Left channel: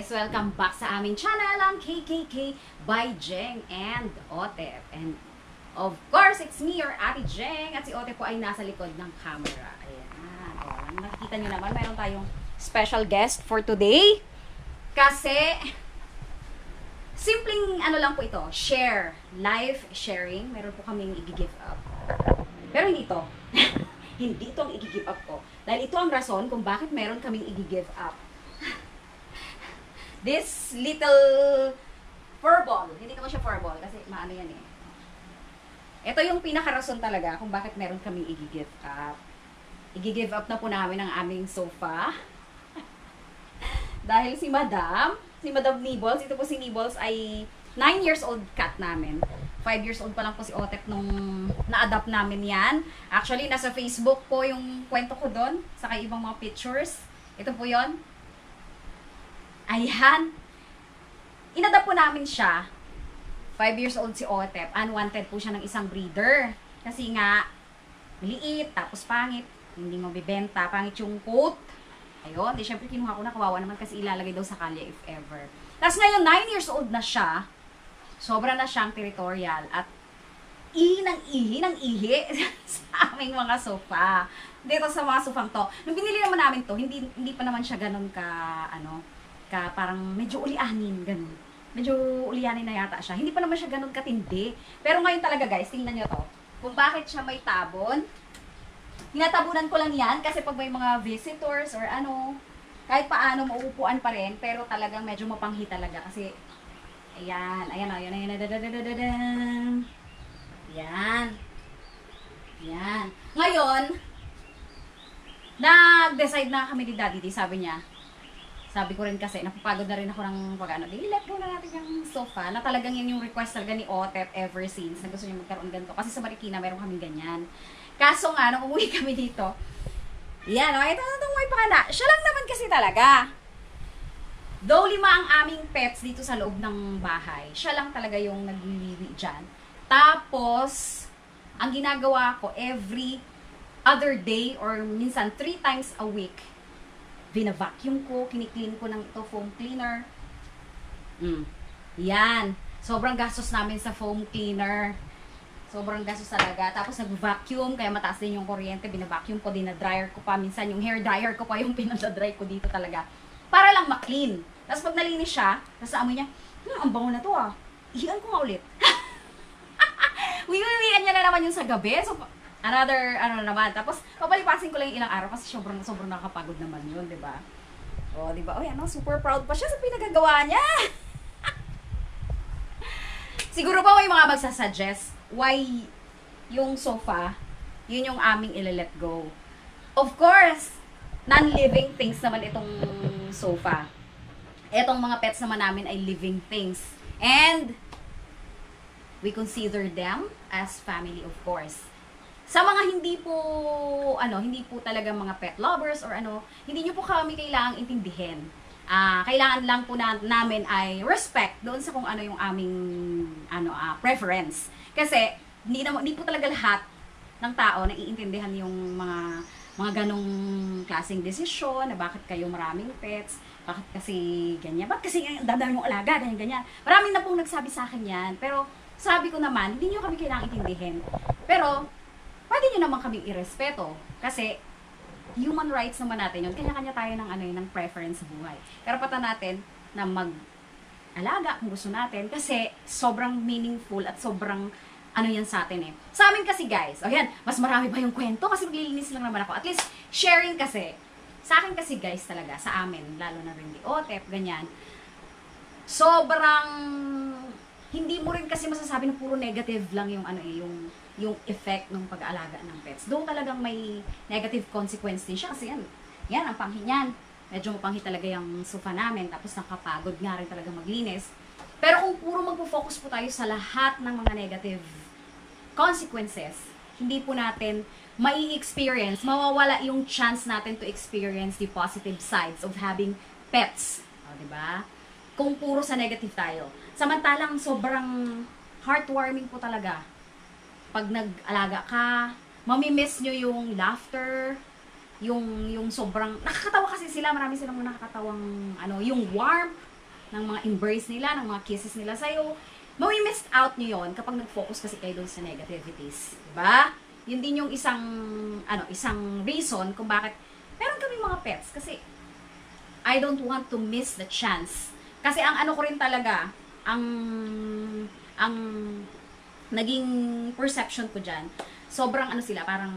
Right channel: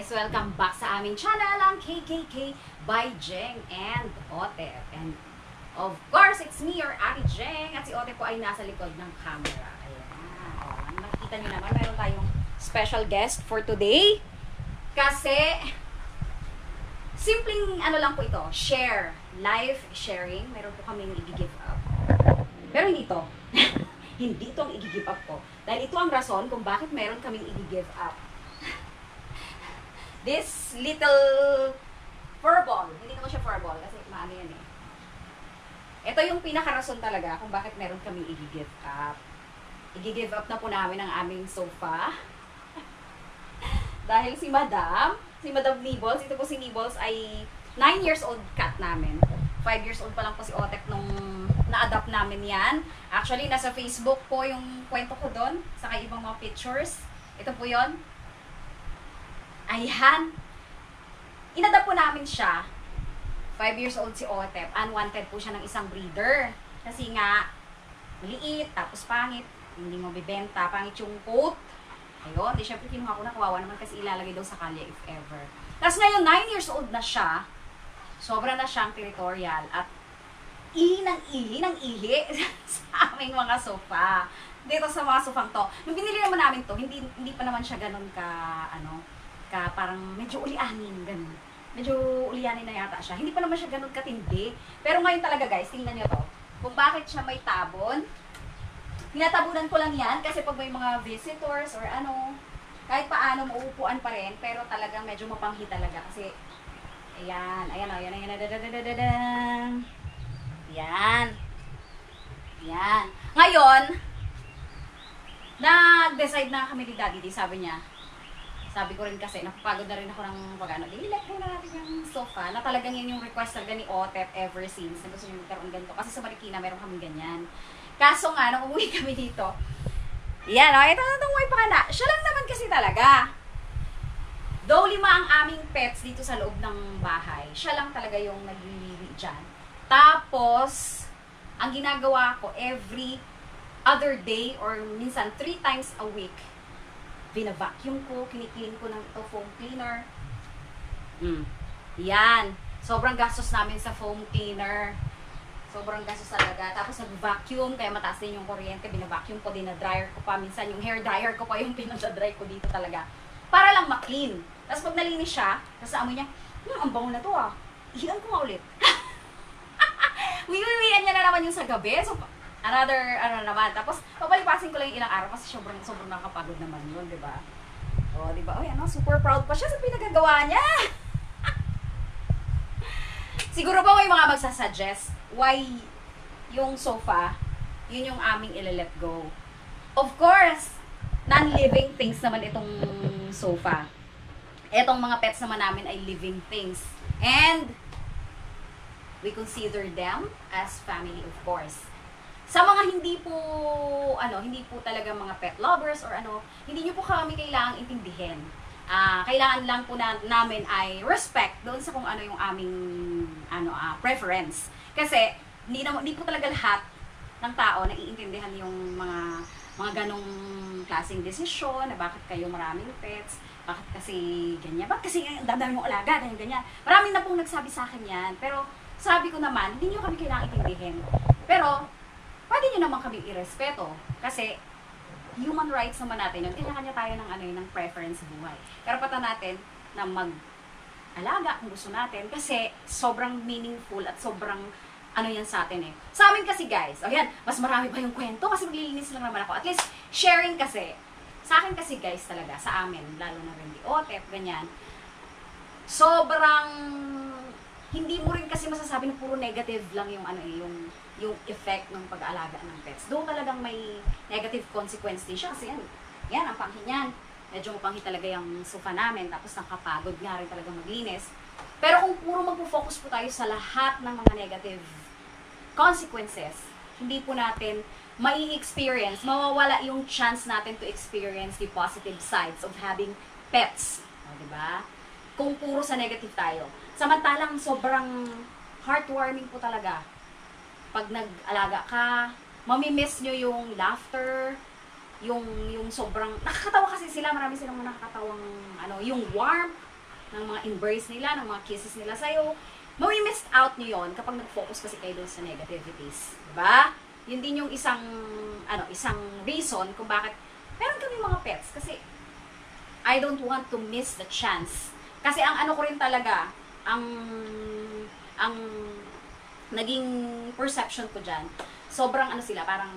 guys! Welcome back sa aming channel, ang KKK by Jeng and Otep. And of course, it's me, your Ate Jeng. At si Otep po ay nasa likod ng camera. Ayan. O, nakikita nyo naman, meron tayong special guest for today. Kasi, simpleng ano lang po ito, share, live sharing. Meron po kaming i-give up. Pero hindi ito. Hindi ito ang i-give up ko. Dahil ito ang rason kung bakit meron kaming i-give up. This little furball. Hindi naman siya furball kasi maano yan eh. Ito yung pinaka-rason talaga kung bakit meron kaming i-give up. I-give up na po namin ang aming sofa. Dahil si Madam Nibbles, ito po si Nibbles ay 9 years old cat namin. 5 years old pa lang po si Otep nung na-adapt namin yan. Actually, nasa Facebook po yung kwento ko doon, saka ibang mga pictures. Ito po yon. Ayan. Inadapt po namin siya. 5 years old si Otep. Unwanted po siya ng isang breeder. Kasi nga, maliit, tapos pangit. Hindi mo bibenta. Pangit yung coat. Ayun. Di syempre kinuha ko na. Kawawa naman kasi ilalagay daw sa kalye if ever. Tapos ngayon, 9 years old na siya. Sobra na siyang territorial. At ihi ng ihi sa aming mga sofa. Dito sa mga sofang to. Nung binili naman namin to, hindi pa naman siya ganun parang medyo ulianin, ganun. Medyo ulianin na yata siya. Hindi pa naman siya ganun katindi. Pero ngayon talaga guys, tingnan nyo to. Kung bakit siya may tabon. Tinatabunan ko lang yan kasi pag may mga visitors or ano, kahit paano mauupuan pa rin. Pero talagang medyo mapanghi talaga kasi, ayan. Yan. Ngayon, nag-decide na kami ni Daddy D, sabi niya. Sabi ko rin kasi, napapagod na rin ako ng pag-ano. Let go na natin yung sofa. Na talagang yan yung request talaga ni Otep ever since. Na gusto niya magkaroon ganito. Kasi sa Marikina, meron kami ganyan. Kaso nga, nung umuwi kami dito, yan, okay, ito umuwi pa ka na. Siya lang naman kasi talaga. Though 5 ang aming pets dito sa loob ng bahay, siya lang talaga yung nagliliwi dyan. Tapos, ang ginagawa ko every other day or minsan 3 times a week, bina-vacuum ko, kiniklin ko ng ito foam cleaner. Yan. Sobrang gastos namin sa foam cleaner. Sobrang gastos talaga. Tapos nag-vacuum, kaya mataas din yung kuryente. Bina-vacuum ko, dinadryer ko pa. Minsan yung hair dryer ko pa yung pinadadry ko dito talaga. Para lang ma-clean. Tapos pag nalinis siya, tapos amoy niya, ang bango na to ah. Ihian ko nga ulit. Wiwiwian niya na naman yung sa gabi. So, another, naman. Tapos, papalipasin ko lang yung ilang araw kasi sobrang nakakapagod naman yun, di ba? O, di ba? Oy, super proud pa siya sa pinagagawa niya. Siguro pa may mga magsasuggest why yung sofa, yun yung aming ile-let go. Of course, non-living things naman itong sofa. Etong mga pets naman namin ay living things. And, we consider them as family, of course. Sa mga hindi po talaga mga pet lovers or hindi nyo po kami kailangang intindihin. Kailangan lang po namin ay respect doon sa kung ano yung aming preference. Kasi hindi po talaga lahat ng tao na iintindihan yung mga ganong klaseng desisyon na bakit kayo maraming pets, bakit kasi ganyan, bakit kasi dadami mong alaga, ganyan. Maraming na pong nagsabi sa akin yan. Pero sabi ko naman, hindi nyo kami kailangang intindihin. Pero pwede nyo naman kami irespeto. Kasi, human rights naman natin yun. Kanya-kanya tayo ng preference sa buhay. Karapatan natin na mag-alaga kung gusto natin. Kasi, sobrang meaningful at sobrang yan sa atin eh. Sa amin kasi guys, mas marami pa yung kwento kasi maglilinis lang naman ako. At least, sharing kasi. Sa akin kasi guys talaga, sa amin, lalo na rin di Otep, ganyan. Sobrang, hindi mo rin kasi masasabi na puro negative lang yung yung effect ng pag-aalaga ng pets. Doon talagang may negative consequence din siya kasi yan ang panghi niyan. Medyo mapanghi talaga yung sofa namin tapos nakapagod nga rin talaga maglinis. Pero kung puro magpo-focus po tayo sa lahat ng mga negative consequences, hindi po natin mai-experience, mawawala yung chance natin to experience the positive sides of having pets. O, diba? Kung puro sa negative tayo. Samantalang sobrang heartwarming po talaga pag nag-alaga ka, mamimiss nyo yung laughter, yung sobrang, nakakatawa kasi sila, marami silang nakakatawang, yung warmth, ng mga embrace nila, ng mga kisses nila sa'yo. Mami-missed out nyo yun kapag nag-focus kasi kayo doon sa negativities. Diba? Yun din yung isang reason kung bakit meron kami mga pets. Kasi, I don't want to miss the chance. Kasi ang ano ko rin talaga, ang naging perception ko dyan, sobrang ano sila, parang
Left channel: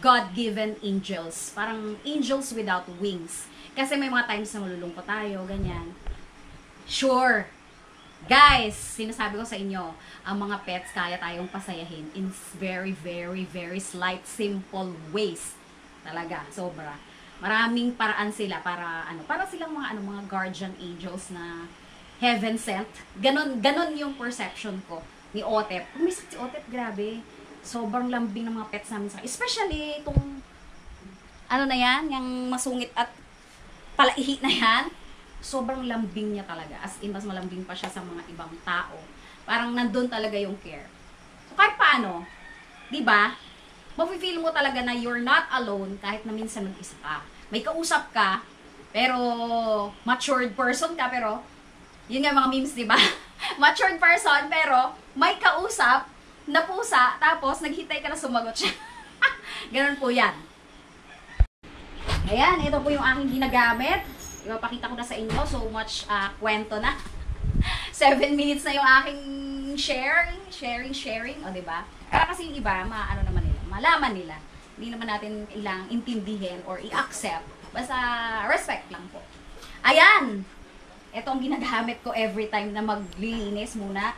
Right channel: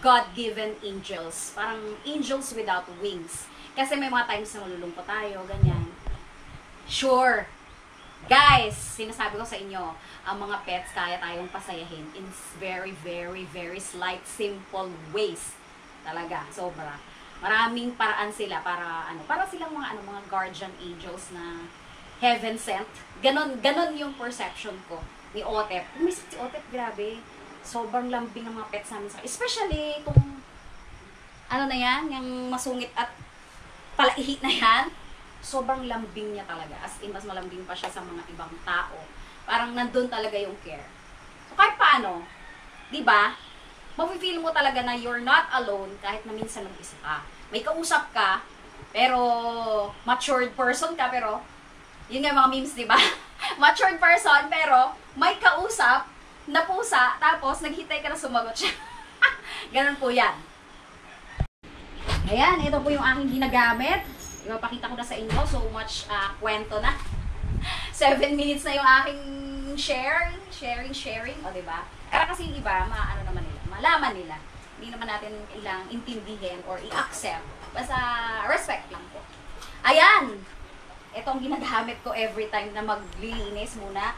God-given angels. Parang angels without wings. Kasi may mga times na malulungkot tayo, ganyan. Sure. Guys, sinasabi ko sa inyo, ang mga pets kaya tayong pasayahin in very, very, very slight, simple ways. Talaga, sobra. Maraming paraan sila para silang mga guardian angels na heaven sent. Ganon yung perception ko ni Otep. Umisip si Otep, grabe. Sobrang lambing ng mga pets namin sa especially itong na yan, yung masungit at palaihi na yan. Sobrang lambing niya talaga. As in, mas malambing pa siya sa mga ibang tao. Parang nandun talaga yung care. So, kahit paano, di ba? Mafe-feel mo talaga na you're not alone kahit na minsan mag-isa ka. May kausap ka, pero matured person ka, pero yun nga mga memes, di ba? Matured person, pero may kausap na pusa, tapos naghintay ka na sumagot siya. Ganun po yan. Ayan, ito po yung aking ginagamit. Ipapakita ko na sa inyo. So much kwento na. 7 minutes na yung aking sharing. O, diba? Para kasi yung iba, naman nila, malaman nila. Hindi naman natin ilang intindihin or i-accept. Basta respect lang po. Ayan! Ito ang ginagamit ko every time na maglilinis muna.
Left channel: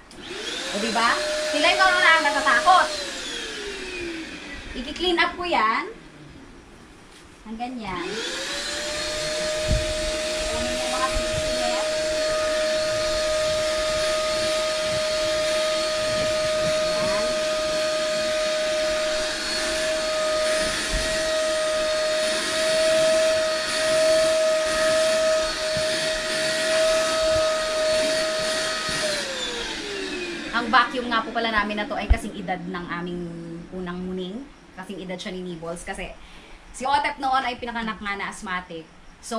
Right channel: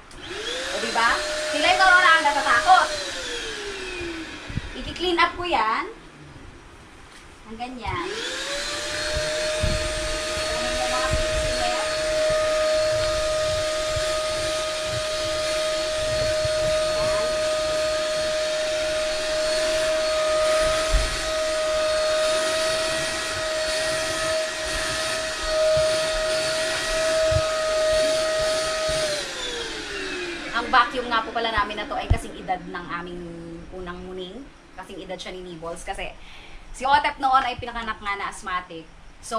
O, diba? Sila yung na natatakot. I-clean up ko yan. Ang ganyan. Ang vacuum nga po pala namin na to ay kasing edad ng aming unang muning. Kasing edad siya ni Nibbles. Kasi si Otep noon ay pinakanak nga na asthmatic. So,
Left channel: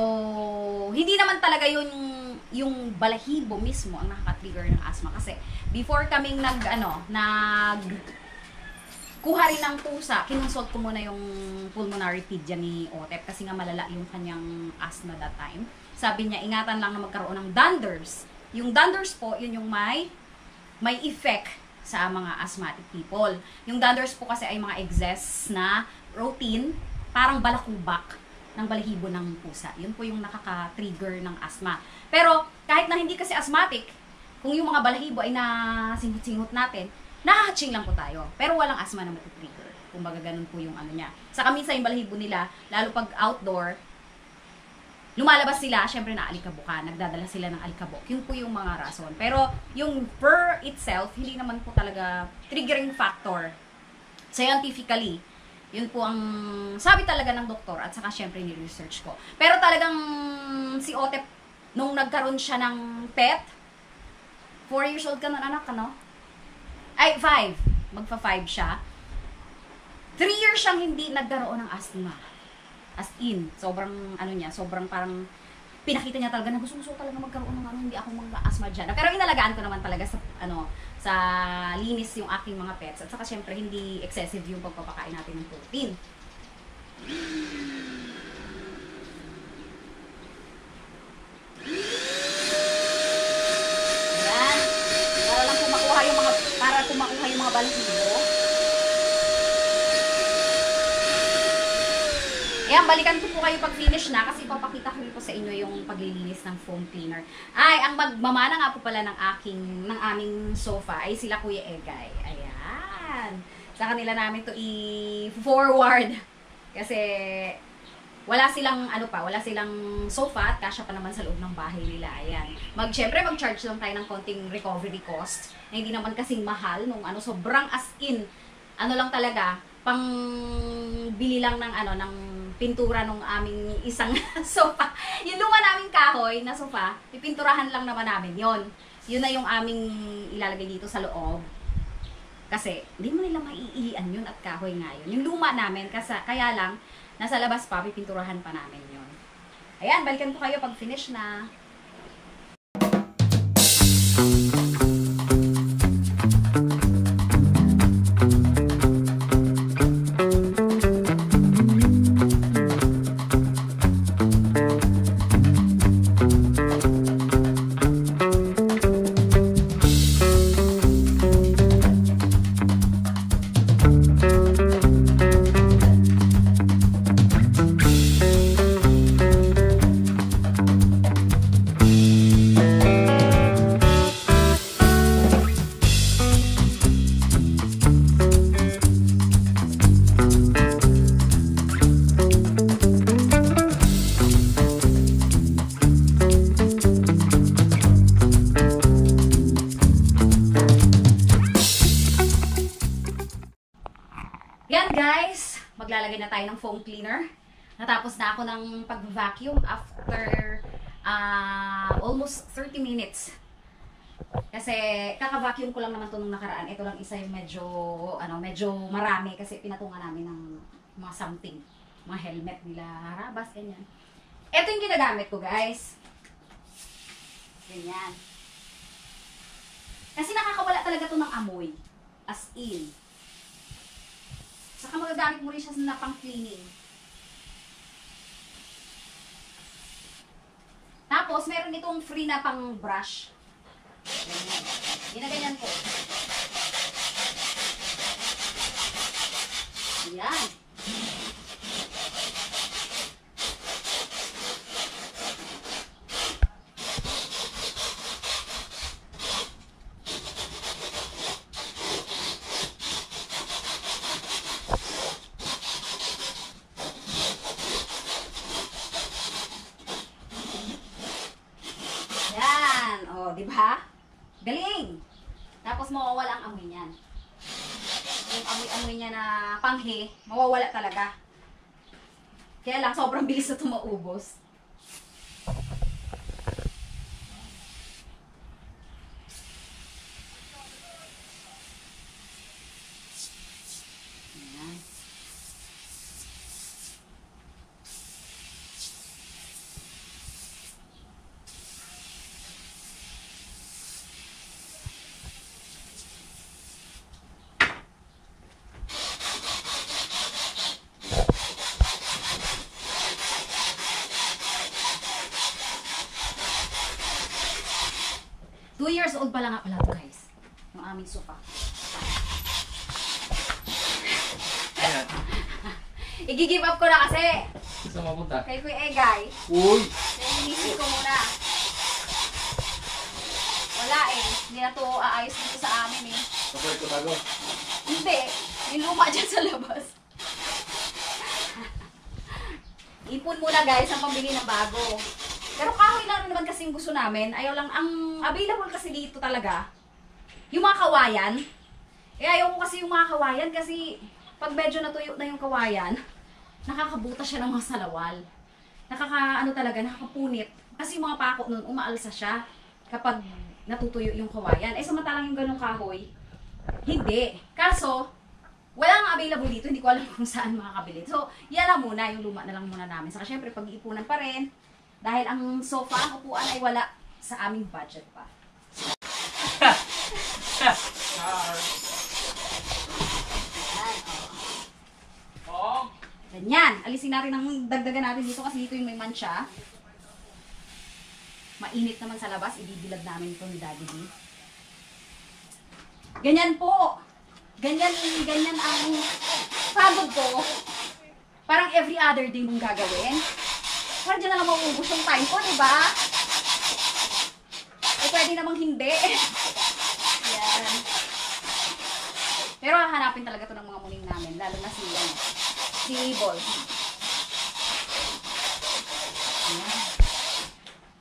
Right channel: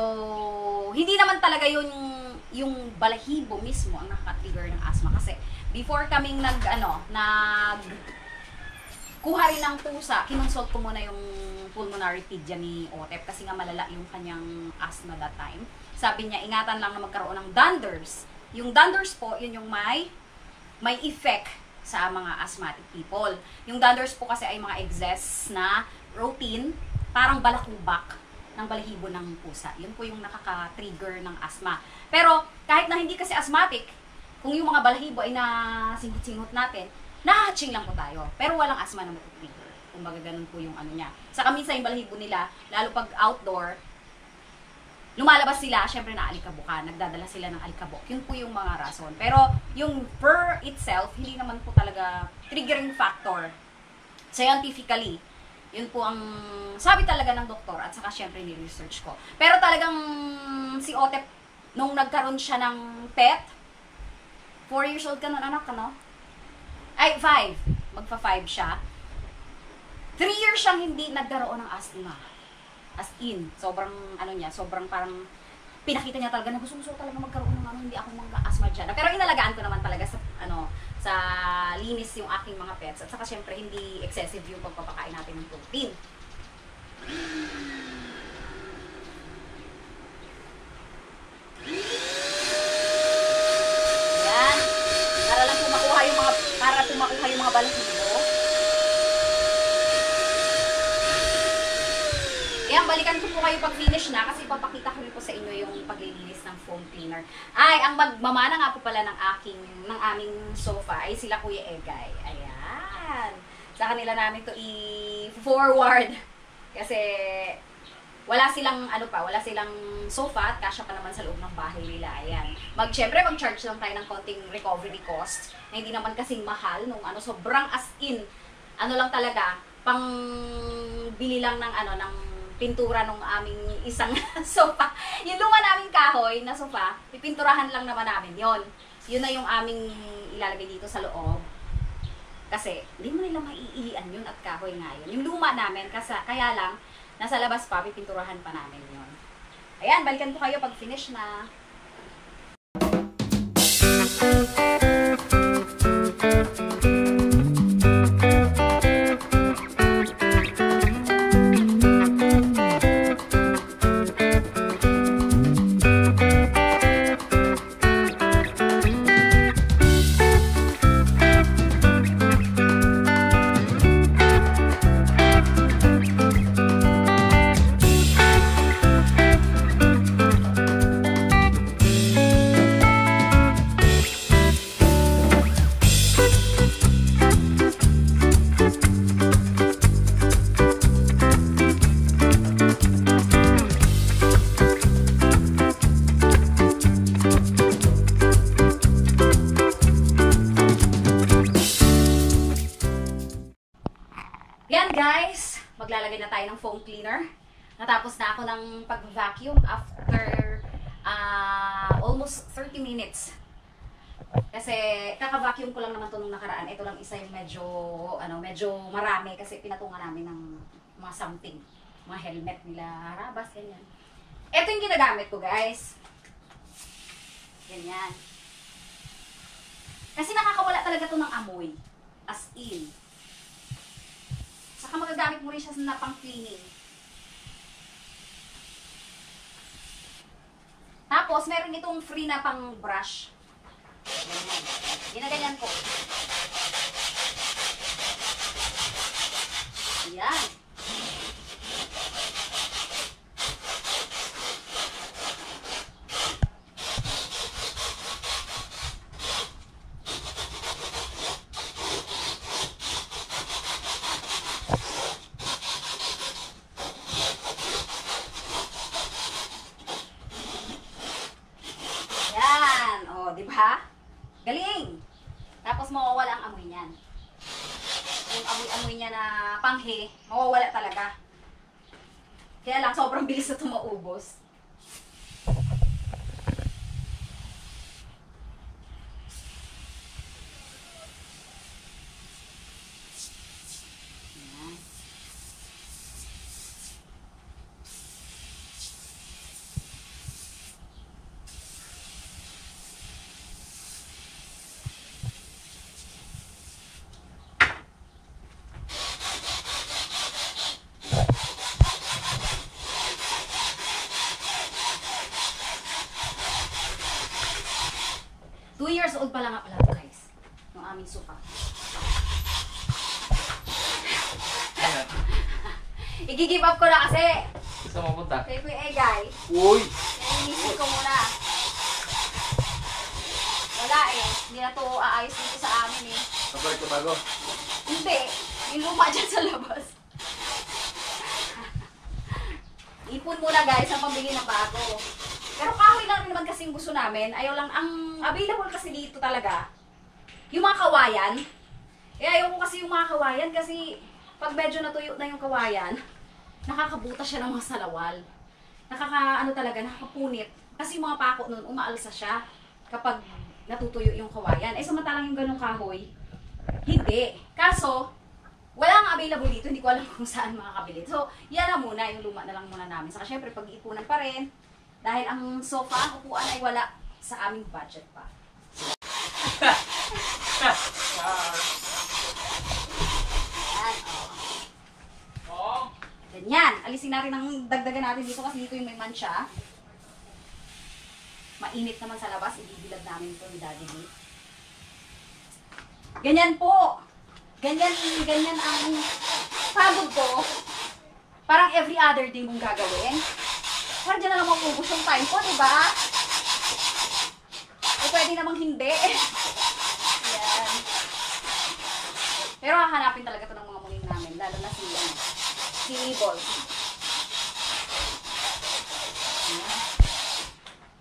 hindi naman talaga yung balahibo mismo ang nakaka-trigger ng asthma. Kasi before kaming kuha rin ng pusa, kinonsult ko muna yung pulmonary pedia ni Otep kasi nga malala yung kanyang asthma that time. Sabi niya, ingatan lang na magkaroon ng dunders. Yung dunders po, yun yung may effect sa mga asthmatic people. Yung dunders po kasi ay mga excess na protein, parang balakubak ng balahibo ng pusa. Yun po yung nakaka-trigger ng asthma. Pero kahit na hindi kasi asthmatic, kung yung mga balahibo ay nasinghot-singhot natin, nahahatching lang po tayo. Pero walang asthma na matutrigger. Kumbaga ganun po yung niya. Saka minsan yung balahibo nila, lalo pag outdoor, lumalabas sila, syempre na alikabok, nagdadala sila ng alikabok. Yun po yung mga rason. Pero yung fur itself, hindi naman po talaga triggering factor. Scientifically, yun po ang sabi talaga ng doktor at saka syempre ni-research ko. Pero talagang si Otep, nung nagkaroon siya ng pet, 4 years old ka nun, anak, ano? Ay, 5. Magpa-5 siya. 3 years siyang hindi nagkaroon ng asthma. As in, sobrang sobrang parang pinakita niya talaga na gusto talaga magkaroon ng hindi ako mag-asthma dyan. Pero inalagaan ko naman talaga sa linis yung aking mga pets. At saka syempre hindi excessive yung pagpapakain natin ng protein. Ayan. Para lang pumakuha yung mga balahibo. Ayan, balikan ko po kayo pag finish na kasi papakita ko rin po sa inyo yung paglilinis ng foam cleaner. Ay, ang magmamana nga po pala ng aming sofa ay sila Kuya Egay. Ayan. Sa kanila namin to i-forward. Kasi wala silang sofa at kasya pa naman sa loob ng bahay nila. Ayan. Syempre mag-charge lang tayo ng konting recovery cost na hindi naman kasing mahal nung sobrang as in lang talaga pang bili lang ng pintura nung aming isang sofa. Yung luma naming kahoy na sofa, pipinturahan lang naman namin yon. Yun na yung aming ilalagay dito sa loob. Kasi, hindi mo nila maiihian yun at kahoy nga yun. Yung luma namin, kaya lang, nasa labas pa, pipinturahan pa namin yon. Ayan, balikan ko kayo pag finish na. naglagay na tayo ng foam cleaner. Natapos na ako ng pag-vacuum after almost 30 minutes. Kasi kaka-vacuum ko lang naman to nung nakaraan. Ito lang isa yung medyo marami kasi pinatungan namin ng mga something. Mga helmet nila, harabas, ganyan. Ito yung ginagamit ko, guys. Ganyan. Kasi nakakawala talaga to ng amoy. As in. Saka magagamit mo rin siya na pang-cleaning. Tapos, meron itong free na pang-brush. Ganyan. Ginaganyan ko. Ayan. Yan. O, di ba? Galing! Tapos mawawala ang amoy niyan. Yung amoy-amoy niya na panghe, mawawala talaga. Kaya lang, sobrang bilis na tumaubos. Ayan. 2 years old pa lang nga pala to, guys. Yung aming sofa. Ayan. I-give up ko na kasi. Saan mapunta? Kay Kuya Egay. Uy! Kaya inisip ko muna. Wala eh. Hindi na to aayos dito sa amin eh. Kapag ito bago. Hindi. Yung luma dyan sa labas. Ipon muna guys ang pambili ng bago. Pero kahoy lang rin naman kasi yung gusto namin. Ayaw lang, ang available kasi dito talaga, yung mga kawayan. Eh ayaw ko kasi yung mga kawayan kasi pag medyo natuyo na yung kawayan, nakakabuta siya ng mga salawal. Nakakapunit. Kasi yung mga pako nun, umaalsa siya kapag natutuyo yung kawayan. Eh samantalang yung ganong kahoy, hindi. Kaso, wala nga available dito, hindi ko alam kung saan makakabili. So, yan na muna, yung luma na lang muna namin. Saka syempre, pag-iipunan pa rin, dahil ang sofa, ang upuan ay wala sa aming budget pa. Yan, Oo. Ganyan. Alisin natin ang dagdagan natin dito kasi dito yung may mancha. Mainit naman sa labas, ibibilad namin ito ni Daddy B. Ganyan po. Ganyan ang pagod ko. Parang every other day mong gagawin. Parang dyan na lang maubos yung time ko, diba? Eh, pwede namang hindi. Yan. Pero hahanapin talaga to ng mga muning namin, lalo na si Ball. Yan.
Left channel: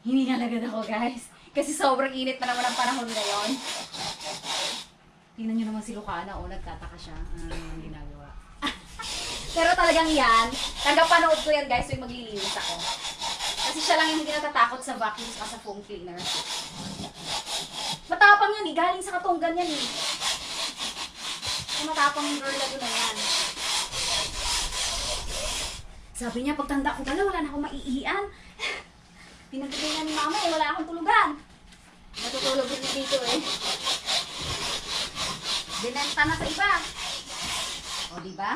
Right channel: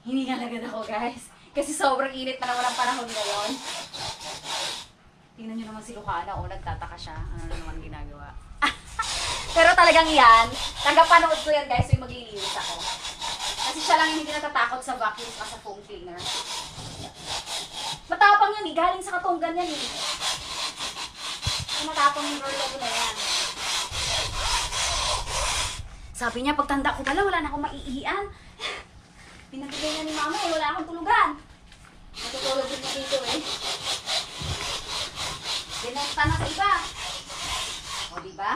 Hiningal agad ako, guys. Kasi sobrang init na naman ang panahon ngayon. Tingnan nyo naman si Lucana, nagtataka siya. Ano naman ginagawa. Pero talagang yan, tagapanood ko yan guys, yung maglilinis ako. Kasi siya lang yung hindi natatakot sa vacuum at sa foam cleaner. Matapang yan eh, galing sa katunggan yan eh. Matapang yung girl na yan. Sabi niya, pagtanda ko pala, wala na akong maiihian. Pinagkagay na ni mama eh, wala akong tulugan. Natutulog rin na dito eh. Binenta na sa iba. O, diba?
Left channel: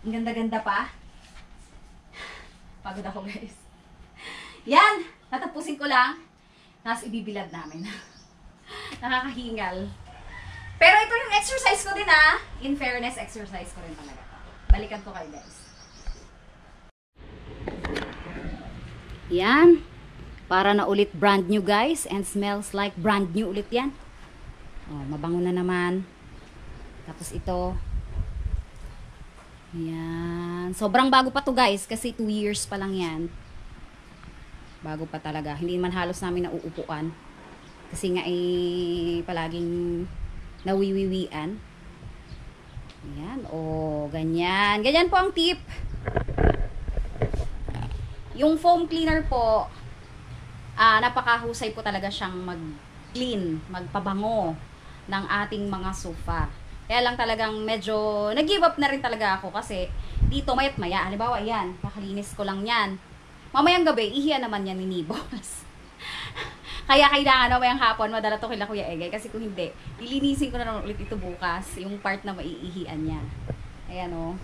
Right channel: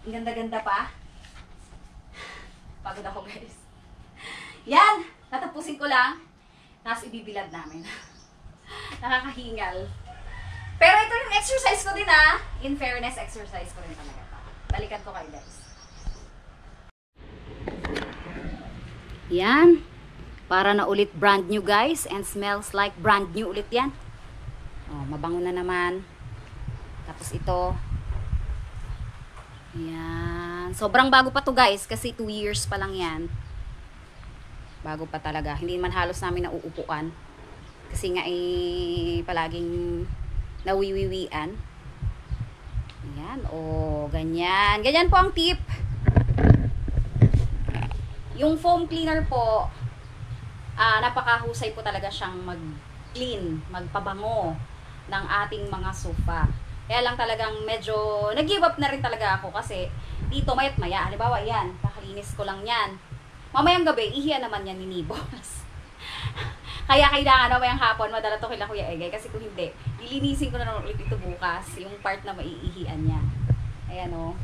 Ang ganda-ganda pa. Pagod ako, guys. Yan! Tatapusin ko lang. Tapos ibibilad namin. Nakakahingal. Pero ito yung exercise ko din, ah. In fairness, exercise ko rin talaga. Balikan ko kayo, guys. Yan. Para na ulit brand new, guys. And smells like brand new ulit yan. Oh, mabango na naman. Tapos ito. Yan. Sobrang bago pa to guys. Kasi 2 years pa lang yan. Bago pa talaga. Hindi man halos namin nauupuan. Kasi nga palaging nawiwiwian. Ayan, ganyan. Ganyan po ang tip. Yung foam cleaner po, napakahusay po talaga siyang mag-clean, magpabango ng ating mga sofa. Kaya lang talagang medyo nag-give up na rin talaga ako kasi dito mayat maya. Halimbawa, yan, kakalinis ko lang yan. Mamayang gabi, ihiya naman yan ni Nibos. Kaya kailangan mamayang hapon, madala to kila Kuya Egay. Kasi kung hindi, ilinisin ko na naman ulit ito bukas. Yung part na maiihian niya. Ayan o.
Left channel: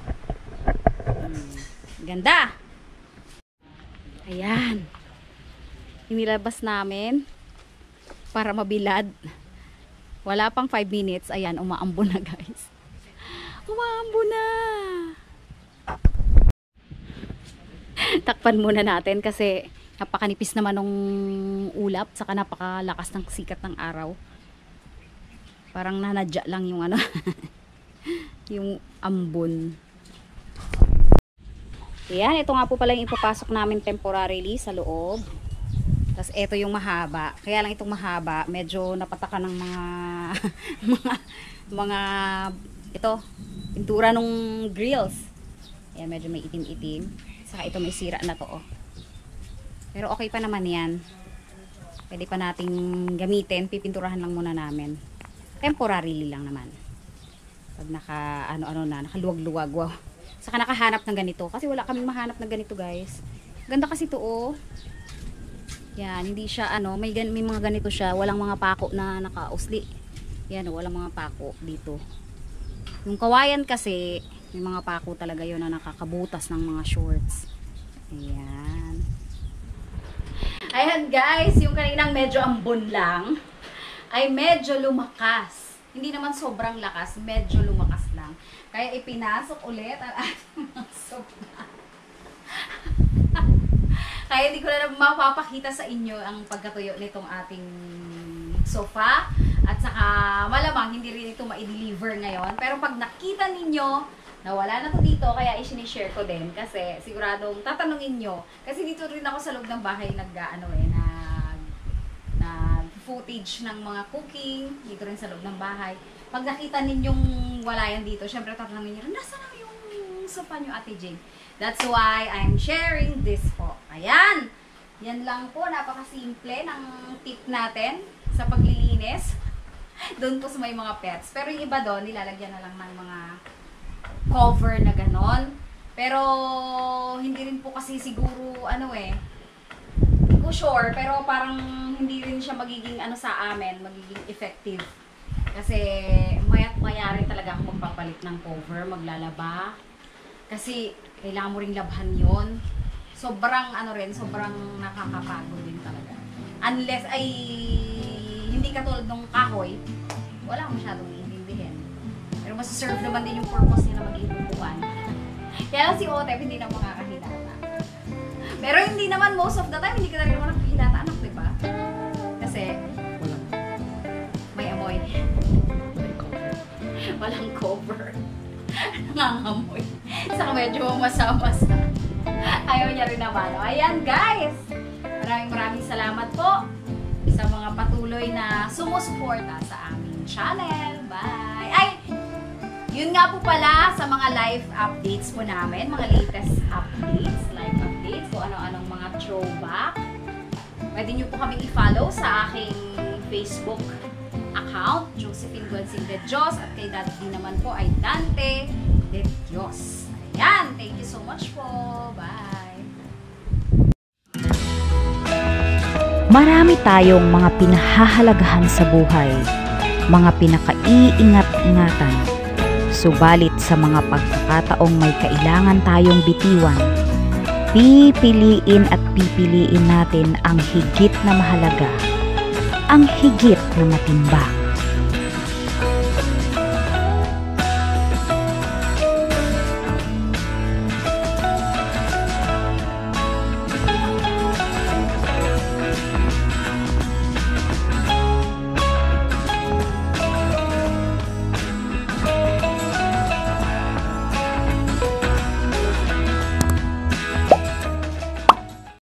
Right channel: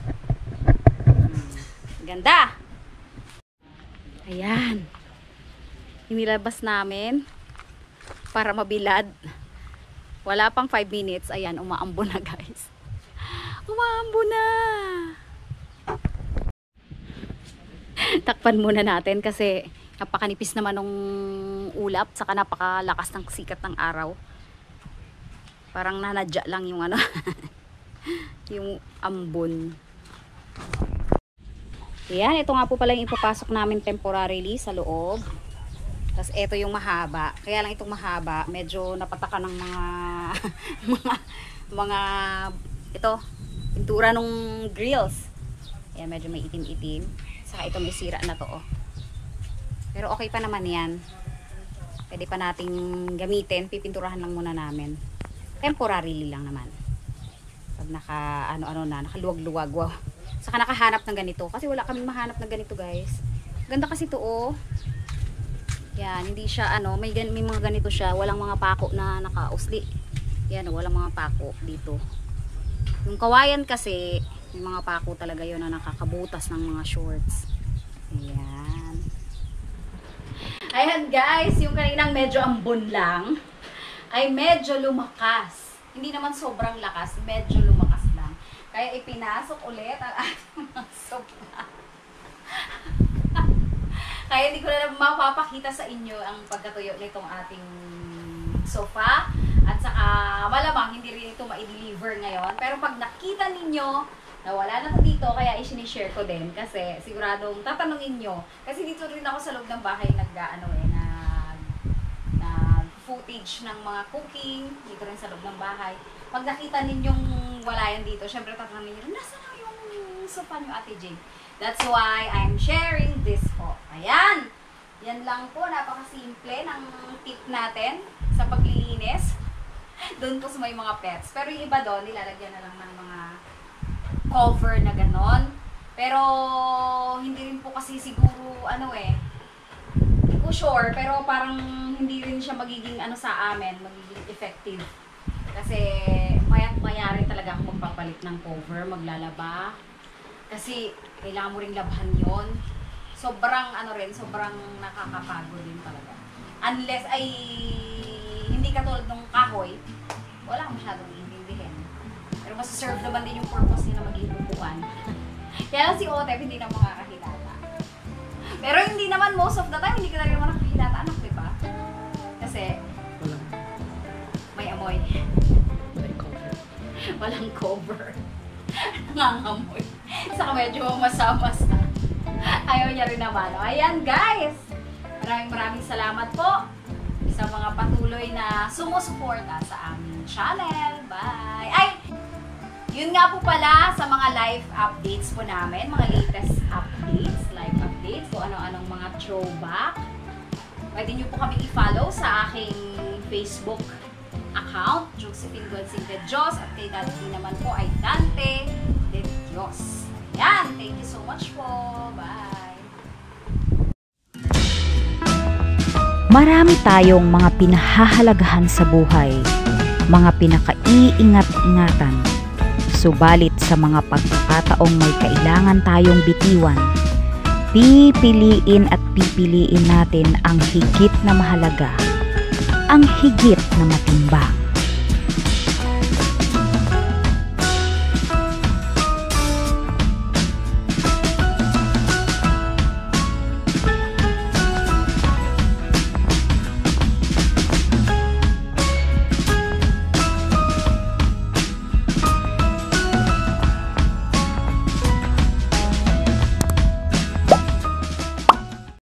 Ganda! Ayan. Inilabas namin para mabilad. Wala pang 5 minutes. Ayan, umaambo na guys. Umaambo na! Takpan muna natin kasi napakanipis naman ng ulap, saka napakalakas ng sikat ng araw. Parang nanadya lang yung ano, yung ambon. Ayan, ito nga po pala yung ipapasok namin temporarily sa loob. Tapos ito yung mahaba. Kaya lang itong mahaba, medyo napataka ng mga ito, pintura nung grills. Ayan, medyo may itim-itim. Saka ito may sira na to, oh. Pero okay pa naman yan. Pwede pa nating gamitin. Pipinturahan lang muna namin. Temporarily lang naman. Pag nakaluwag-luwag. Wow. Saka nakahanap ng ganito. Kasi wala kaming mahanap ng ganito, guys. Ganda kasi to, oh. Yan, hindi siya, may mga ganito siya. Walang mga pako na nakausli. Yan, walang mga pako dito. Yung kawayan kasi, may mga pako talaga yun na nakakabutas ng mga shorts. Ayan. Ayan guys, yung kaninang medyo ambon lang ay medyo lumakas. Hindi naman sobrang lakas, medyo lumakas lang. Kaya ipinasok ulit ang ating mga sofa. Kaya hindi ko na mapapakita sa inyo ang pagkatuyo nitong ating sofa. At saka malamang hindi rin ito ma-deliver ngayon. Pero pag nakita ninyo na wala na to dito, kaya i-share ko din kasi siguradong tatanungin nyo. Kasi dito rin ako sa loob ng bahay nag footage ng mga cooking, dito rin sa loob ng bahay. Pag nakita ninyong wala yan dito, syempre tatanungin nyo, nasa na yung sofa nyo, Ate Jane? That's why I'm sharing this po. Ayan! Yan lang po, napakasimple ng tip natin sa paglilinis. Doon po sa may mga pets. Pero yung iba doon, nilalagyan na lang ng mga cover na ganon. Pero hindi rin po kasi siguro hindi ko sure, pero parang hindi rin siya magiging sa amin, magiging effective. Kasi mayat maya rin talaga ako magpapalit ng cover, maglalaba. Kasi kailangan mo ring labhan yon. Sobrang sobrang nakakapagod din talaga. Unless ay hindi katulad ng kahoy, wala masyadong iintindihin. Pero masaserve naman din yung purpose niya na maging upuan. Kaya lang si Otep hindi na makakahilata. Pero hindi naman most of the time, hindi ka na rin naman nakahilata, anak, diba? Kasi may amoy. Walang cover. Nangangamoy. Saka medyo masama-sa. Ayaw niya rin naman. Ayan guys! Maraming salamat po sa mga patuloy na sumusuporta sa aming channel. Bye! Ay! Yun nga po pala sa mga live updates po namin, mga latest updates, live updates, kung ano-anong mga throwback. Pwede nyo po kami i-follow sa aking Facebook account, Josephine Gonzing de Dios, at kay Dante naman po ay Dante de Dios. Ayan, thank you so much po. Bye! Marami tayong mga pinahahalagahan sa buhay, mga pinakaiingat-ingatan. Subalit sa mga pagkakataong may kailangan tayong bitiwan, pipiliin natin ang higit na mahalaga, ang higit na matimbang.